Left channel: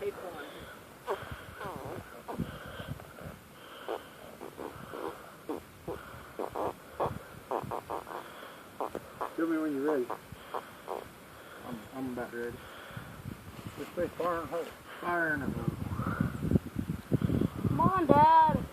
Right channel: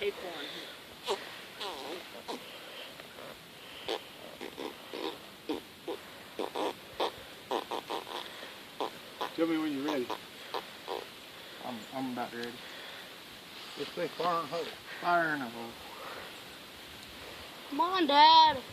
tape on. Tell me when you're ready. I'm about ready. Let's say fire in a hole. Come on, Dad.